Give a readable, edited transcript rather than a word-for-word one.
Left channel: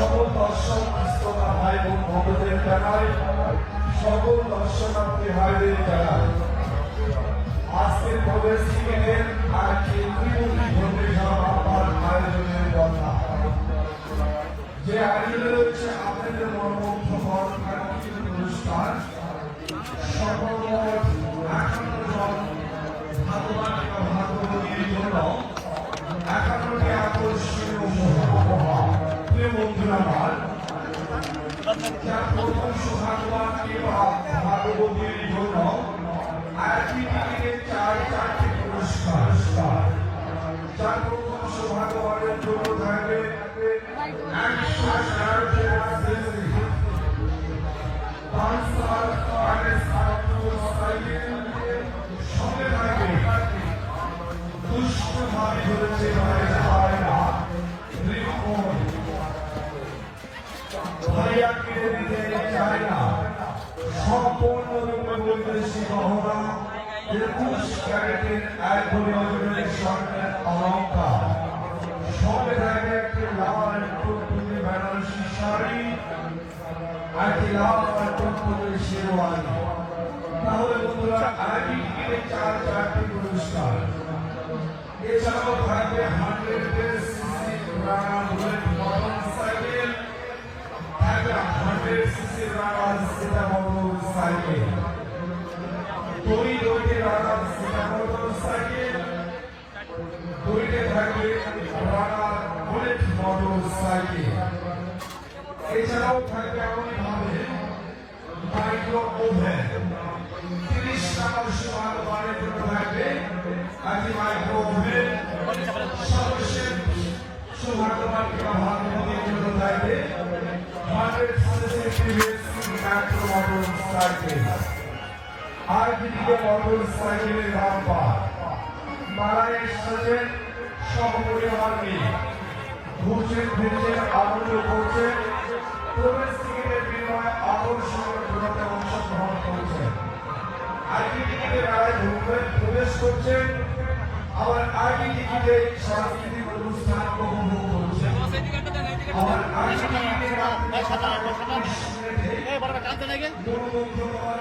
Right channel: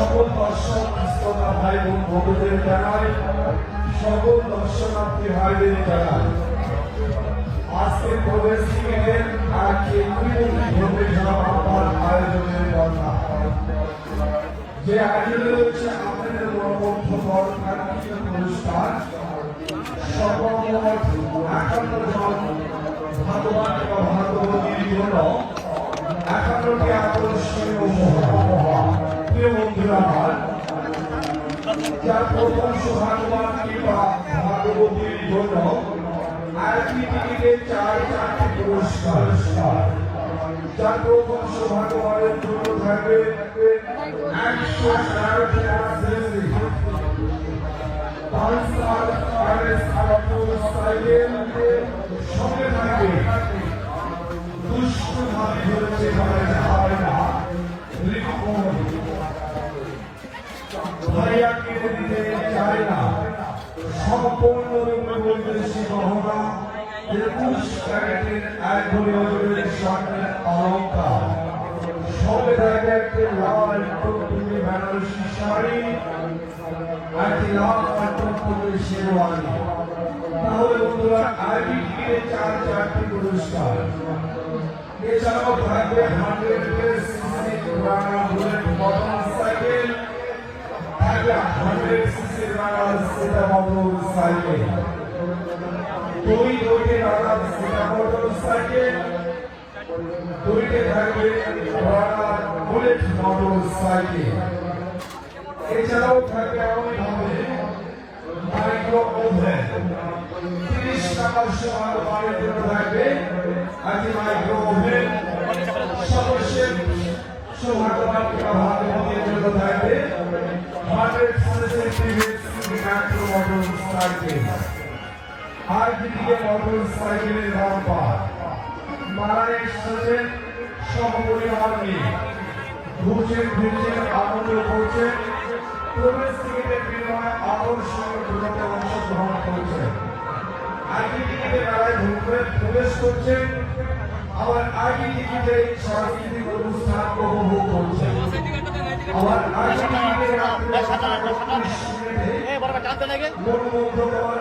সকল দর্শক শ্রোতা ভাই বোন বন্ধুদের জানাই, সকল দর্শনার্থী ভাইদের জানাই আজকে প্রবেশ ক্রিকেটের আজকে আয়োজনের কথা যে আয়োজনে রয়েছে আপনাদের মনোমুগ্ধকর অনুষ্ঠান সর্বমোট ৫৮ জন ভগবান ভাগবতীর জন্য ৫৮টি আকর্ষণীয় প্রিয় বন্ধুরা, যার প্রথম সৌভাগ্যবান কিংবা ভাগবতীর জন্য আইপিটিভিতে ৪টি পুরস্কার, যার প্রথম সৌভাগ্যবানের জন্য থাকে ১১১টি সঙ্গে থাকে দুষ্টু ভাইয়া কেটে দিতে চায় না সম্পূর্ণ অলঙ্কার সব একটি লাল টুকটুকি বেনারসি শাড়ি, একটি লাল টুকটুকি শেরওয়ানি। তাহলে বন্ধুরা আইডিকে ৪টি পুরস্কার, এছাড়াও থাকবে 100 সিসি বুলেট মোটরসাইকেল, থাকবে 100 সিসি সাইকেল, 2 মোটরসাইকেল, 2 থাকবে বুলেট মোটরসাইকেল। এছাড়াও থাকবে মাইক্রো ওভেন, 30 টাকার সমান বাড়ির জন্য থাকবে একটি মাইক্রো ওভেন। সর্বশেষ সৌভাগ্যবান থাকবে 100 সিসি মোটরসাইকেল। আর দিকে মোটরসাইকেলের রাখা নারায়ণ এসেছেন সপরিবার নিয়ে দুপুরের ভিড়ে আনন্দ করছে, প্রবেশ ক্রিকেটের বিনিময়ে আকর্ষণীয় বিনোদনে অংশগ্রহণ করছে। আইডিটিকে মেলায় প্রবেশ করছেন, আবার আইডিটিকে সাংস্কৃতিক অনুষ্ঠান উপভোগ করছেন। আবার আইডিটিকে মনোমুগ্ধকর